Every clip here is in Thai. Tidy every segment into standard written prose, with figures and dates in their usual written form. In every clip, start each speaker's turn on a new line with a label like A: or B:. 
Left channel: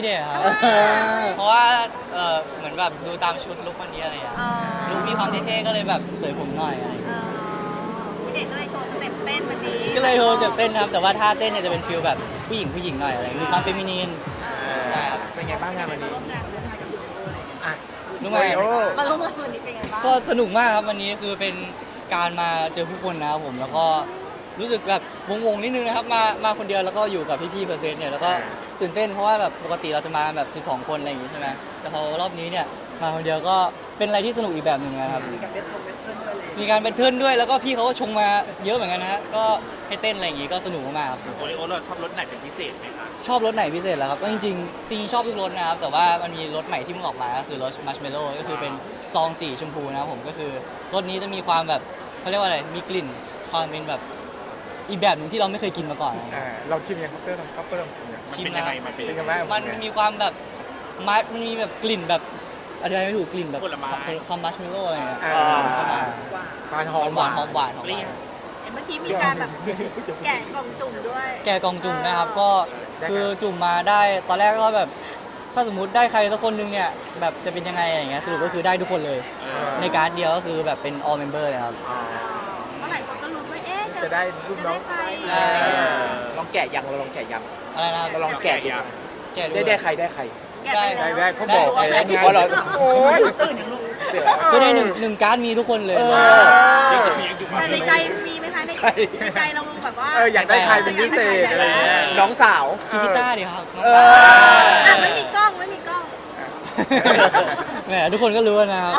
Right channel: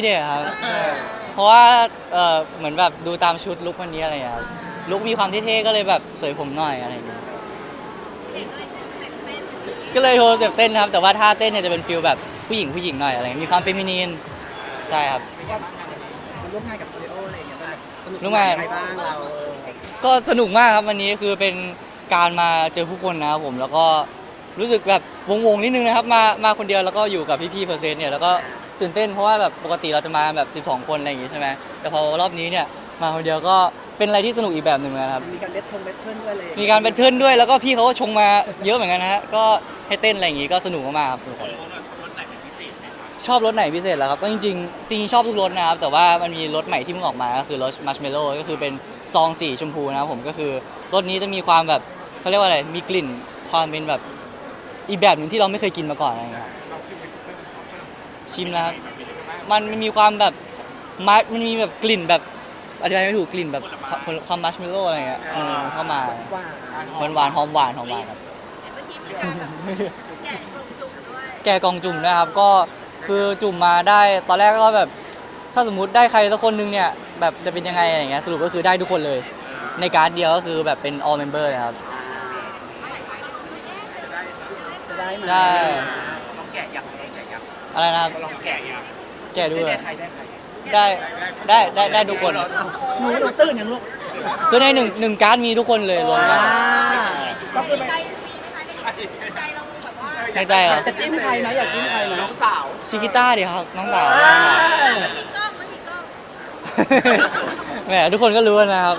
A: เดชครับเพราะว่าเหมือนแบบดูตามชุดลุควันนี้อะไรอ่ะลุคมีความเท่ๆก็เลยแบบสวยผมหน่อยอะไร
B: เด็กก็เลยโชว์สเต็ปเต้นวันนี้
A: ก็เลยโชว์สเต็ปเต้นครับแต่ว่าท่าเต้นเนี่ยจะเป็นฟิลแบบผู้หญิงหน่อยอะไรมีความเฟมินีนใช่ครับ
C: เป็นไงบ้างงานวันนี้
A: รู้ไหม
B: มาลงมาตัวนี้เป็นไงบ้าง
A: ก็สนุกมากครับวันนี้คือเป็นการมาเจอผู้คนนะครับผมแล้วก็รู้สึกแบบวงๆนิดนึงนะครับมาคนเดียวแล้วก็อยู่กับพี่ๆเปอร์เซ็นต์เนี่ยแล้วก็ตื่นเต้นเพราะว่าแบบปกติเราจะมาแบบ12คนอะไรอย่างงี้ใช่ไหมแต่พอรอบนี้เนี่ยมาคนเดียวก็เป็นอะไรที่สนุกอีกแบบหนึ่งนะครับมีการเป็นเทิร์นด้วยแล้วก็พี่เขาก็ชงมาเยอะเหมือนกันนะฮะก็ให้เต้นอะไรอย่างงี้ก็สนุกมากๆครับ
C: โอริโอเราชอบรสไหนเป็นพิเศษไหมคะ
A: ชอบรสไหนพิเศษเหรอครับก็จริงชอบทุกรสนะครับแต่ว่ามันมีรสใหม่ที่เพิ่งออกมาก็คือรสมัชเมลโล่ก็คือเป็นซองสีชมพูนะครับผมก็คือรสนี้จะมีความแบบเขาเรียกว่าอะไรมีกลิ่นความเป็นแบบอีกแบบหนึ่งที่เราไม่เคยกินมาก่อนอะไรเงี้ย
C: ลองชิมยังเพิ่ม
A: ชิมแล้ว
C: มันเป็นยังไง
A: มันมีความแบบมันมีแบบกลิ่นแบบอธิบายไม่ถูกกลิ่นแบบความมัชเมลโล่อะไรเงี้ยเข้ามาหวานหอมหวาน
B: เมื่อกี้มีการแบบแกะของจุ่มด้วย
A: แกะกล่องจุ่มนะครับก็คือจุ่มมาได้ตอนแรกก็แบบถ้าสมมุติได้ใครสักคนนึงเนี่ยแบบจะเป็นยังไงอะไรเงี้ยสรุปก็คือได้ทุกคนเลยในการเดียวก็คือแบบเป็น all member เลยครับ
B: เมื่อไหร่ก็รู้ว่า
C: จะได้ลูกน้อง
A: ได้
C: ลองแกะยังเราลองแกะยัง
A: อะไรนะครับ
C: เราลองแกะยัง
A: แกะดู
C: ได้ใครได้ใคร
A: ได้ทุกคน
C: โอ้ยตื่นอย่างลูก
A: คือในหนึ่งการ์ดมีทุกคนเลย
B: แต่ในใจมีไหมคะในใจเราแบบว่า
C: อยากได้ใครเป็นพิเศษน้องสาว
A: ชิกิต้าดิครับน้องสาว
B: ไม่มีกล้อง
A: แหมทุกคนก็รู้นะครับ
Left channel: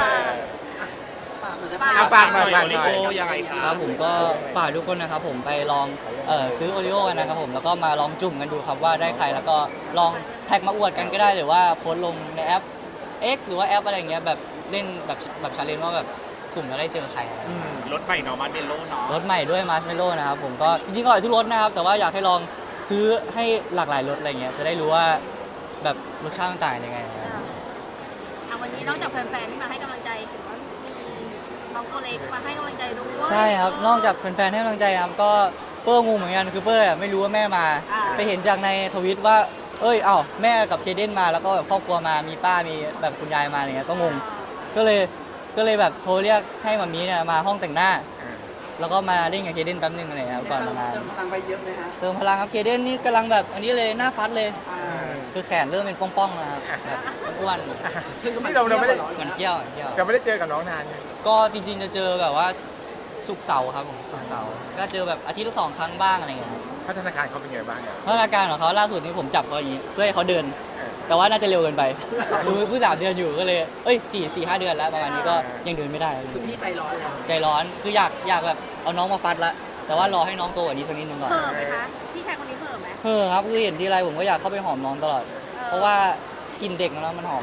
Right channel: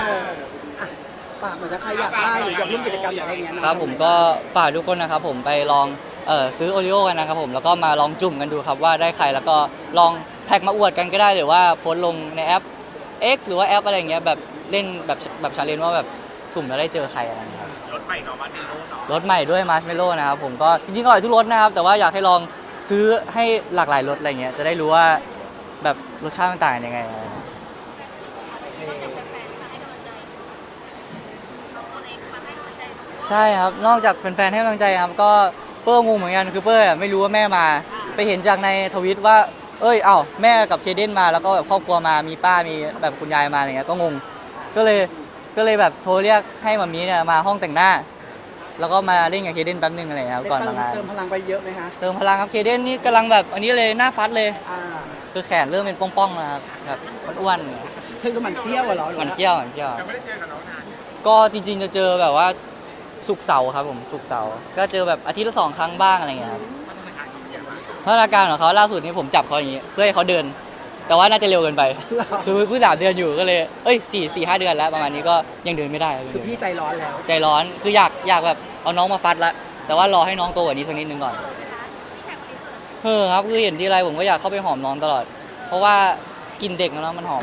C: ฝากหน่อยยังไง
A: ครับผมก็ฝากทุกคนนะครับผมไปลองซื้อโอริโอกันนะครับผมแล้วก็มาลองจุ่มกันดูครับว่าได้ใครแล้วก็ลองแท็กมาอวดกันก็ได้หรือว่าโพสต์ลงในแอป X หรือว่าแอปอะไรอย่างเงี้ยแบบเล่นแบบชาเลนจ์ว่าแบบสุ่มแล้วได้เจอใคร
C: รถใหม่เนาะมาเดโลเนาะ
A: รถใหม่ด้วยมาร์ชเมลโล่นะครับผมก็จริงๆอร่อยทุกรสนะครับแต่ว่าอยากให้ลองซื้อให้หลากหลายรสอะไรเงี้ยจะได้รู้ว่าแบบรสชาติมันต่างยังไง
B: วันนี้นอกจากแฟนๆที่มาให้กำลังใจของตัวเล็กมาให้กำลังใจด้วย
A: ใช่ครับนอกจากแฟนๆให้กำลังใจครับก็เปิ้ลงงเหมือนกันคือเปิ้ลไม่รู้ว่าแม่มาไปเห็นจากในทวิตว่าแม่กับเคเดนมาแล้วก็แบบครอบครัวมามีป้ามีแบบคุณยายมาอะไรเงี้ยก็งงก็เลยแบบโทรเรียกให้มามีเนี่ยมาห้องแต่งหน้าแล้วก็มาเล่นกับเคเดนแป๊บนึงอะไรครับก่อนมา
D: เติมพลังไปเยอะไหมฮะ
A: เติมพลังครับเคเดนนี่กำลังแบบอันนี้เลยหน้าฟัดเลยคือแขนเริ่มเป็นป้องๆแล้วครับแบบอ้วน
D: ที่เราไม่ได้
A: มันเขี้ยว
C: เราไม่ได้เจอกับน้องนาน
A: ก็จริงๆจะเจอแบบว่าศุกร์เสาร์ครับผมศุกร์เสาร์ก็เจอแบบอาทิตย์ละ2 ครั้งบ้างอะไรเงี้ยครับ
C: พัฒนาการเขาเป็นยังไงบ้าง
A: พัฒนาการของเขาล่าสุดนี้ผมจับเขาอย่างนี้เพื่อให้เขาเดินแต่ว่าน่าจะเร็วเกินไปคือเพิ่ง3 เดือนอยู่ก็เลย4-5 เดือนแล้วประมาณนี้ก็ยังเดินไม่ได้
D: คือพี่ใจร้อนแล้ว
A: ใจร้อนคืออยากแบบเอาน้องมาฟัดละแต่ว่ารอให้น้องโตกว่านี้สักนิดนึงก่อน
B: เพิ่มไหมคะพี่ชายคนนี้เพิ่มไหม
A: ครับคือเห็นทีไรผมก็อยากเข้าไปหอมน้องตลอดเพราะว่ากินเด็กน้องมันหอม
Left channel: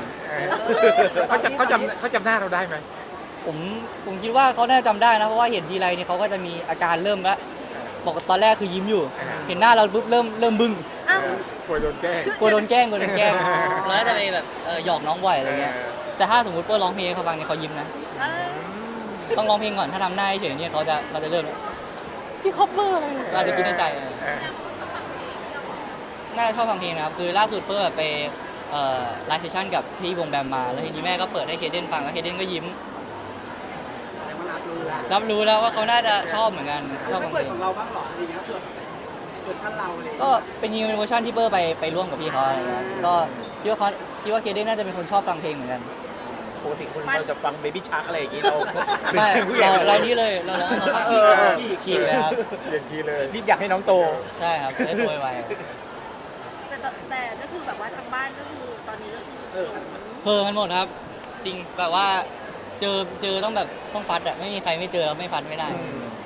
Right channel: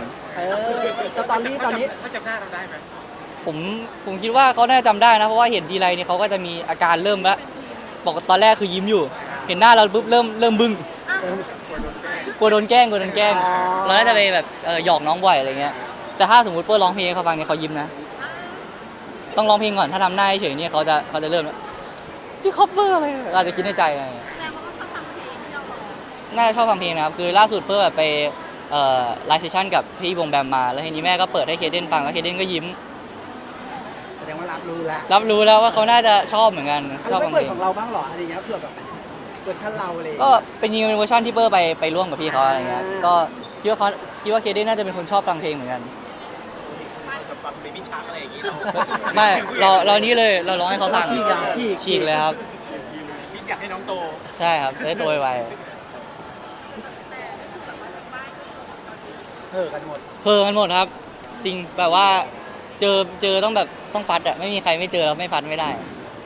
C: เขาจำหน้าเราได้ไหม
A: ผมคิดว่าเขาน่าจะจำได้นะเพราะว่าเห็นทีไรเนี่ยเขาก็จะมีอาการเริ่มละบอกตอนแรกคือยิ้มอยู่เห็นหน้าเราปุ๊บเริ่มบึ้ง
C: กลัวโดนแกล้ง
A: เราน่าจะไปแบบหยอกน้องบ่อยอะไรเงี้ยแต่ถ้าสมมติเพื่อร้องเพลงเขาฟังเนี่ยเขายิ้มนะต้องร้องเพลงก่อนถ้าทำหน้าเฉยเนี่ยเขาจะเริ่มพี่คอปเปอร์อะไรเราจะคิดในใจน่าจะชอบฟังเพลงนะครับคือล่าสุดเพื่อแบบไปไลฟ์เซสชั่นกับพี่วงแบมมาแล้วทีนี้แม่ก็เปิดให้เคเดนฟังแล้วเคเดนก็ยิ้มรับรู้แล้วว่าเขาน่าจะชอบเหมือนกันชอบ
D: ฟังเพลงของเราบ้างหรออะไรเงี้ยเผื่อแบบเวอร์ชันเราอะไร
A: ก็เป็นยิงเป็นเวอร์ชันที่เบอร์ไปร่วมกับพี่เขาอะไรเงี้ยก็คิดว่าเคเดนน่าจะเป็นคนชอบฟังเพลงเหมือนกัน
C: ปกติคนเราจะฟังเบบี้ชาร์กอะไรอย่างงี้เรา
A: เรานี่เลยเราร้องให้เขาฟังฉีกเลยครับ
C: รีบอยากให้น้องโต
A: ใช่ครับได้โตไว
B: แต่ก็คือแบบว่าทางบ้านก็คือตอนนี้
D: เออกันหมด
A: ครับจริงแบบว่าเจอต้องฟัดอะไม่มีใครไม่เจอแล้วไม่ฟัดไม่ได้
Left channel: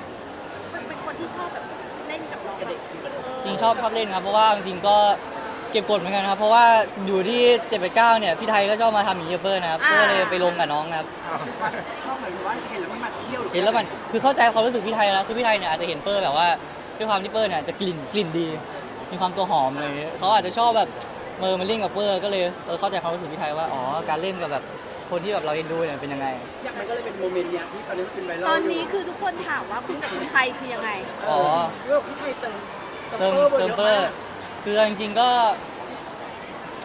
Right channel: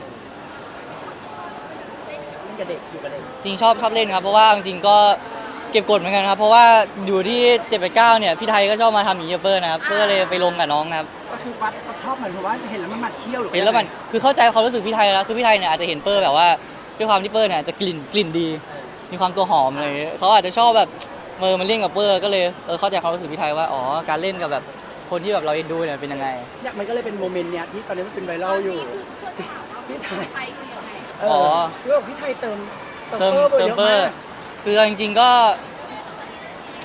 A: จริงชอบเล่นครับเพราะว่าจริงก็เก็บกดเหมือนกันครับเพราะว่าอยู่ที่789เนี่ยพี่ไทยก็ชอบมาทำอย่างนี้กับเบอร์นะครับเพื่อเลยไปลงกับน้องนะครับ
D: ชอบเหมือนว่าเห็นแล้วมันหมัดเที่ยวหรือ
A: เห็นแล้วมันคือเข้าใจความรู้สึกพี่ไทยแล้วคือพี่ไทยเนี่ยอาจจะเห็นเปอร์แบบว่าด้วยความที่เปอร์เนี่ยจะกลิ่นดีมีความตัวหอมเลยเขาอาจจะชอบแบบมันเล่นกับเปอร์ก็เลยเข้าใจความรู้สึกพี่ไทยว่าอ๋อการเล่นกับแบบคนที่แบบเราดูเนี่ยเป็นยังไง
D: มันก็เลยเป็นโมเมนต์เนี้ยที่ตอนนี้เป็นไวรัล
B: ตอนนี้คือทุกคนถามว่าพี่ไทยคือยังไง
D: เรื่องพี่ไทยเติมเบอร์
A: คือจริงๆก็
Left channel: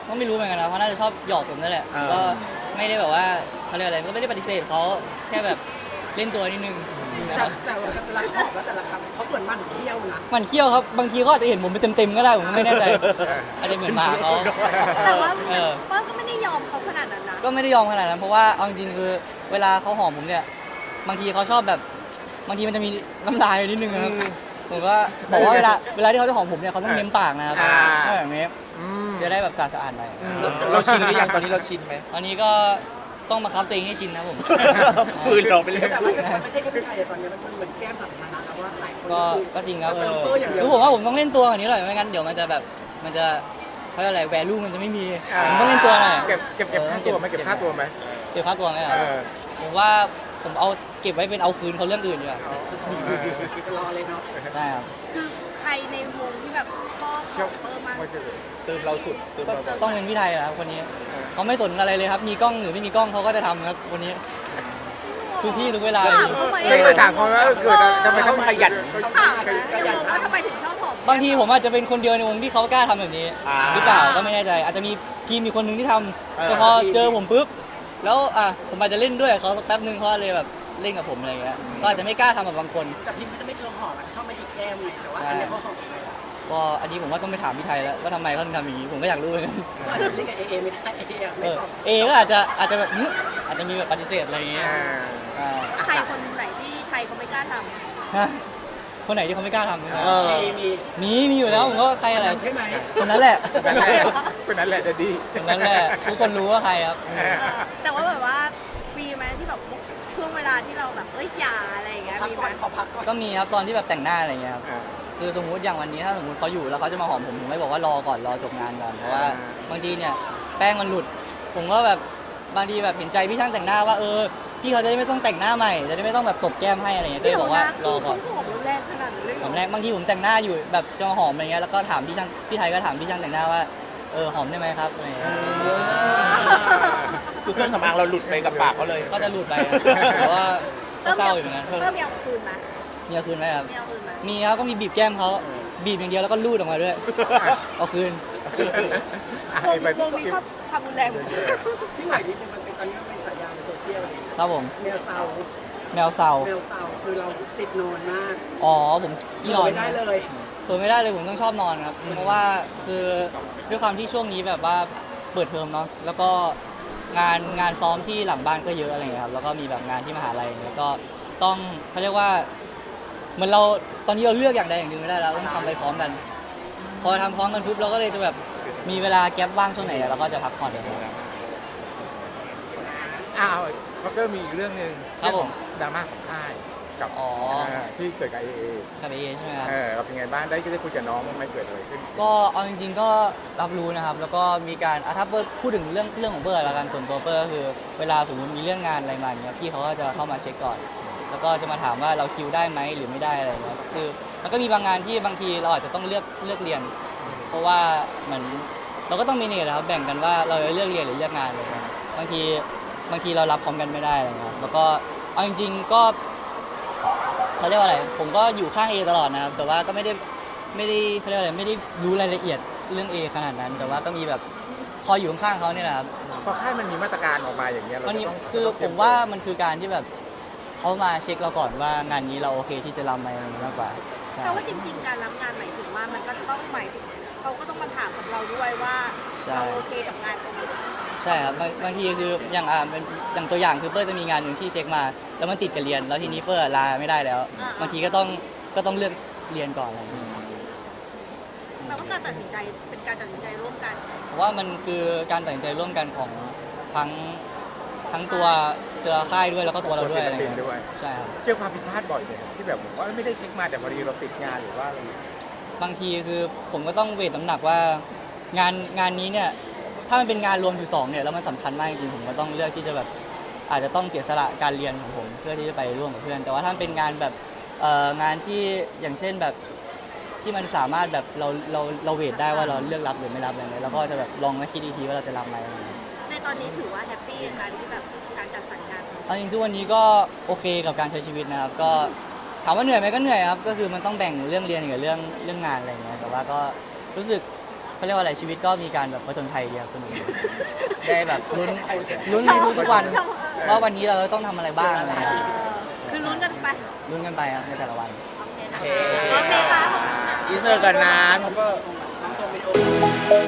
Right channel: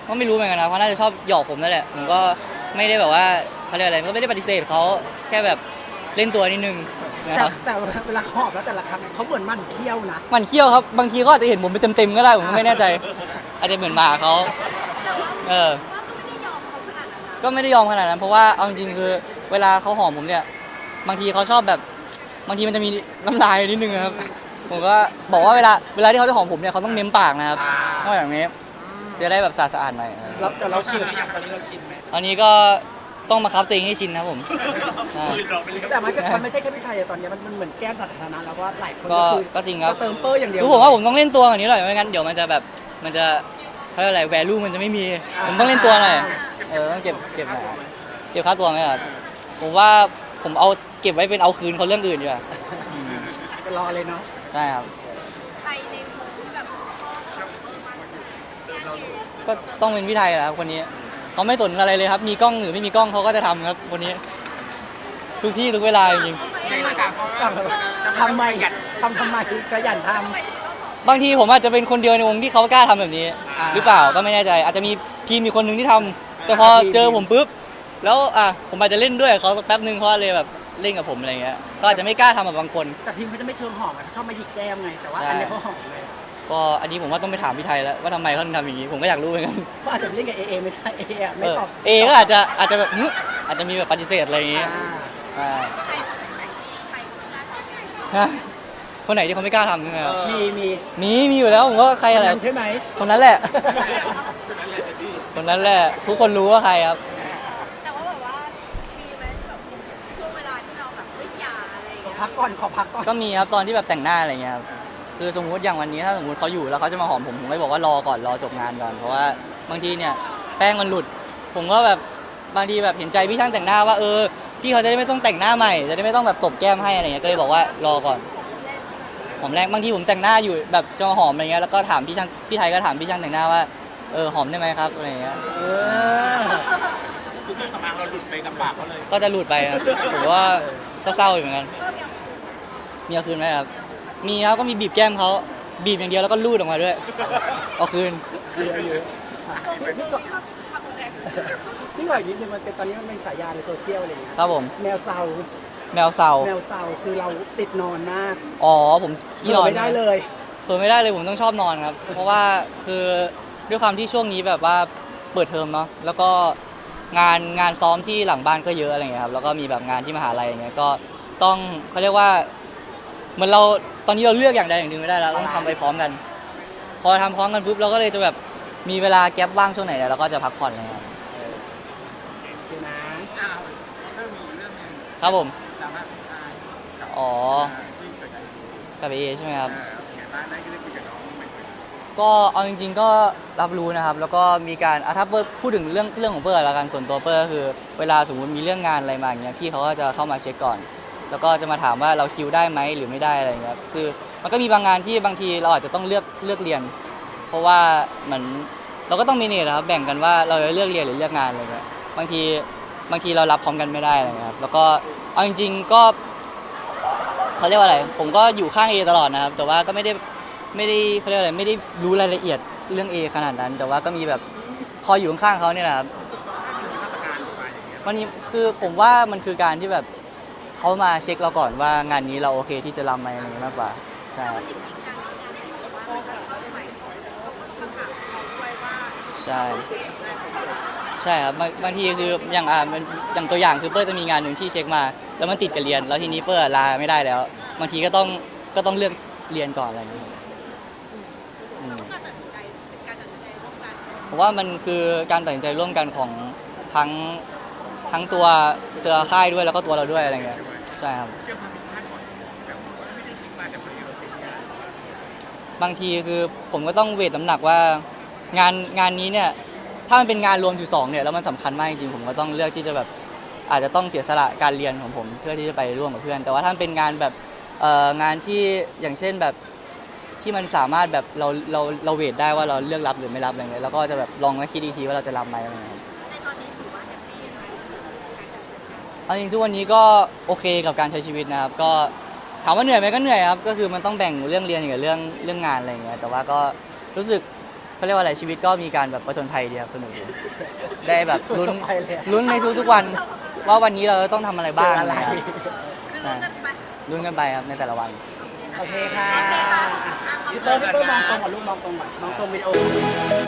A: ก็ไม่รู้เหมือนกันนะเพราะน่าจะชอบหยอกผมนั่นแหละก็ไม่ได้แบบว่าเขาเรียกอะไรก็ไม่ได้ปฏิเสธเขาแค่แบบเล่นตัวนิดนึงนะครับ
D: แต่เวลาเขาออกแล้วแต่ละครั้งเขาเหมือนมันเคี้ยวนะ
A: มันเขี้ยวครับบางทีก็อาจจะเห็นผมเป็นเต็มๆก็ได้ผมไม่แน่ใจอาจจะเหมือนหมาเขา
B: แต่ว่า
A: เออ
B: เปิ้ลก็ไม่ได้ยอมเขาขนาดนั้นนะ
A: ก็ไม่ได้ยอมขนาดนั้นเพราะว่าเอาจริงๆคือเวลาเขาหอมผมเนี่ยบางทีเขาชอบแบบบางทีมันจะมีน้ำลายนิดนึงนะครับผมก็บอกว่าเวลาที่เขาจะหอมผมเนี่ยเขาต้องเม้มปากนะครับถ้าแบบนี้จะได้แบบสะอาดๆหน่อย
C: เราชินหรือยังตอนนี้เราชินไหม
A: อันนี้ก็ต้องมาคับตัวเองให้ชินนะครับผม
C: ฝืนเราไปเลย
D: แต่มันไม่ใช่แค่พี่ไทยอะตอนนี้มันเหมือนแก้มสาธารณะแล้วว่าหลายคน
A: ก็
D: คือ
A: ก็จริงครับ
D: เติมเปอร์อย่างเดียว
A: คือผมว่าผมต้องเล่นตัวอย่างนี้หน่อยไม่งั้นเดี๋ยวมันจะแบบมันจะเขาเรียกอะไรแวลูมันจะไม่มีผมต้องเล่นตัวหน่อย
C: เก็บค่าตัวไหมเก็บค่าตัวไหม
A: เก็บค่าตัวไหมครับ
C: เออ
A: ผมว่าผมเอาเก็บไว้เป็นเอาคืนเขาเรื่องอื่นดีกว่า
D: รอเลยเนาะ
A: ได้ครับ
B: คือใครในวงกับพ่อมา
C: เติมเราสุด
A: ก็ต้องเป็นพี่ไทยแหละครับคนนี้เขาไม่สนอะไรเลยครับมีกล้องหรือไม่มีกล้องเขาก็จะทำครับคนนี้ทุกที่ทุกเวลาจริง
C: ไม่ไปถามเขาว่าเกิดจะไม่ต้องขยัน
D: ทำไมขยันทำ
B: ทำไมถึงชอบผม
A: บางทีผมอาจจะเป็นคนเดียวในวงที่เขากล้าทำแบบนี้ หรือเปล่าก็ไม่แน่ใจอาจจะมีทีมมีคนหนึ่งที่ทำแต่พอเจอผมปุ๊บแล้วผมอาจจะเล่นด้วยกับเขาสักแป๊บนึงเพราะเลยแบบเล่นกับผมอะไรเงี้ยก็อาจจะไม่กล้าทำกับบางคน
D: แต่พิมเขาจะไม่เชิงหอมอะชอบไม่ดีแก้มไงแต่ว่าอันนี้เขาหอมไง
A: ก็อันนี้ผมว่าต้องไปถามพี่ไทยแล้วว่าทำไมเขาถึงทำอย่างนี้ผมก็อยากรู้เหมือนกัน
D: ก็อาจจะไม่ได้กับเอไม่ได้เออะไม่ตอบ
A: เอก็อาจจะแบบอาจจะมีแบบปฏิเสธอะไรอย่างงี้อ่า
B: ใครคนไหนที่ไทยเขาไม่กล้าทำไง
A: นะคนไหนที่เขาไม่กล้าทำนะครับ มีอยู่แล้วผมว่าใครอะไร
D: ใช่ไหม
A: คนนั้นแหละ
C: คนนั้นแหละจะดี
A: คนนั้นแหละทุกคนรู้ว่าใครครับ
B: แต่ว่าแบบว่ามีไหมที่แบบช่วงเวลาที่เราแบบเอ้ยอย่าอะไรอย่างเงี้ย
D: พัก
B: มี
D: ก่อน
B: ไหม
D: ขอพักก่อน
A: ก็มีครับตอนที่แบบแต่งหน้าอะไรเงี้ยครับคือสมมุติอย่างวันนี้ถ้าสมมติเขาอยู่แล้วเขาจะมาหอมผมไม่บอกว่ารอก่อนรอจบงานก่อนเพราะว่าบางทีเนี่ยแป้งมันหลุด ผมก็แบบบางทีแบบเห็นใจพี่ช่างแต่งหน้าว่าพี่เขาจะได้ไม่ต้องแต่งหน้าใหม่จะได้ไม่ต้องแบบตบแก้มให้อะไรเงี้ยก็เลยบอกว่ารอก่อน
B: ผมแรกขนาดนั้นเลย
A: หอมแรงบางทีผมแต่งหน้าอยู่แบบจะมาหอมอะไรเงี้ยแล้วก็ถามพี่ช่างพี่ไทยก็ถามพี่ช่างแต่งหน้าว่าหอมได้ไหมครับอะไรเงี้ย
C: คือเครื่องสำอางเราหลุดไปกับปากเขาเลย
A: ก็จะหลุดไปครับแต่ว่าก็เศร้าอยู่เหมือนกัน
B: เริ่มมีเอาคืนไหม
A: มีเอาคืนไหมครับ
B: มีเอาคืนไหม
A: มีครับก็มีบีบแก้มเขาบีบอย่างเดียวแล้วก็ลูดออกมาด้วยเอาคืน
B: วงนี้เขาขับแรง
D: นี่หน่อยนิดนึงมันเป็นตอนนี้มันเป็นฉายาในโซเชียลเลย
A: ครับผม
D: แมวเซา
A: แมวเศร้า
D: แมวเซาคือเราติดนอนมาก
A: อ๋อผมขี้
D: เหี่
A: น
D: ยว
A: อน
D: ไม่ได้เลย
A: เปิดไม่ได้เลยผมต้องชอบนอนครับเพราะว่าคือด้วยความที่ช่วงนี้แบบว่าเปิดเทอมเนาะแล้วก็งานซ้อมที่หลังบ้านก็เยอะอะไรเงี้ยครับแล้วก็มีแบบงานที่มหาลัยอย่างเงี้ยก็ต้องเขาเรียกว่าเหมือนเราตอนนี้เราเลือกอย่างใดอย่างหนึ่งไม่ได้แล้วเราทำไปพร้อมกัน พอทำพร้อมกันปุ๊บเราก็เลยจะแบบมีเวลาแก๊ปว่างช่วงไหนเนี่ยเราก็จะพักผ่อนอย่างเงี้ย
C: อ้าวเขาก็มีอีกเรื่องหนึ่ง
A: ครับผม
C: ดราม่าของค่ายกับ
A: อ๋อ
C: ที่เกิดกับเอ
A: กับเอใช่ไหมครับ
C: เราเป็นไงบ้างได้คุยกับน้องไม่เกิดเลย
A: ก็เอาจริงๆก็รับรู้นะครับ แล้วก็มีการถ้าเปิ้ลพูดถึงเรื่องของเปิ้ลละกันส่วนตัวเปิ้ลก็คือเวลาสมมติมีเรื่องงานอะไรมาอย่างเงี้ยพี่เขาก็จะเข้ามาเช็คก่อน แล้วก็จะมาถามว่าเราคิวได้ไหมหรือไม่ได้อะไรเงี้ยคือมันก็มีบางงานที่บางทีเราอาจจะต้องเลือกเรียน เพราะว่าเหมือนเราก็ต้องมีเนี่ยนะครับแบ่งกันว่าเราจะเลือกเรียนหรือเลือกงานอะไรเงี้ยบางทีเรารับพร้อมกันไม่ได้นะครับแล้วก็เอาจริงๆก็เขาเรียกว่าอะไรผมก็อยู่ข้างเอตลอดนะครับแต่ว่าก็ไม่ได้เขาเรียกอะไรไม่ได้รู้รายละเอียดเรื่อง A ขนาดนั้น แต่ว่าก็มีแบบคอยอยู่ข้างๆเขาเนี่ยแหละครับ
C: พอค่ายมันมีมาตรการออกมาอย่างเงี้ย
A: มันนี่คือผมว่ามันคือการที่แบบเขามาเช็คเราก่อนว่างานนี้เราโอเคที่จะรับไหมมากกว่า
B: แต่ว่าจริงๆการรับงานไหนถือว่ามันก็ต้องใหม่เขาก็ต้องมาถามเราด้วยว่าเราโอเคกับงานของเรา
A: ใช่ครับบางทีคืออย่างตัวอย่างคือเปิ้ลจะมีงานหนึ่งที่เช็คมา แล้วมันติดกับเรียนแล้วทีนี้เปิ้ลลาไม่ได้แล้วบางทีก็ต้องเลือกเรียนก่อนเลย
B: แต่ว่าการตัดสินใจเป็นการตัดสินใจร่วมกัน
A: เพราะว่ามันคือการตัดสินใจร่วมกันของทั้งตัวค่ายด้วยแล้วก็ตัวเราด้วยอะไรอย่างเงี้ยใช่ครับ
C: เจอความผิดพลาดบ่อยเลยที่แบบว่าไม่ได้เช็คมาแต่พอดีเราติดงานหรือว่าอะไร
A: บางทีคือผมก็ต้องเวทน้ำหนักว่างานนี้เนี่ยถ้ามันเป็นงานรวม12เนี่ยแล้วมันสำคัญมากจริงๆผมก็ต้องเลือกที่จะแบบอาจจะต้องเสียสละการเรียนของผมเพื่อที่จะไปร่วมกับเพื่อนแต่ว่าถ้ามันเป็นงานแบบงานที่อย่างเช่นแบบที่มันสามารถแบบเราเวทได้ว่าเราเลือกรับหรือไม่รับอะไรเงี้ยแล้วก็จะแบบลองมาคิดดีทีว่าเราจะรับไหม
B: ในตอนนี้ถือว่าแฮปปี้ในการที่แบบการจัดสรรงาน
A: เอาจริงๆทุกวันนี้ก็โอเคกับการใช้ชีวิตนะครับก็ถามว่าเหนื่อยไหมก็เหนื่อยครับก็คือมันต้องแบ่งเรื่องเรียนกับเรื่องงานอะไรอย่างเงี้ยแต่ว่าก็รู้สึกเขาเรียกว่าอะไรชีวิตก็มีการแบบผจญภัยดีครับสนุกได้แบบลุ้นในทุกๆวันว่าวันนี้เราต้องทำอะไรบ้าง
B: คือลุ้นกันไป
A: ลุ้นกันไปครับในแต่ละวัน
B: โอเคค่ะ
C: อินเสิร์ตก่อนนะ
D: ตัววิดีโอ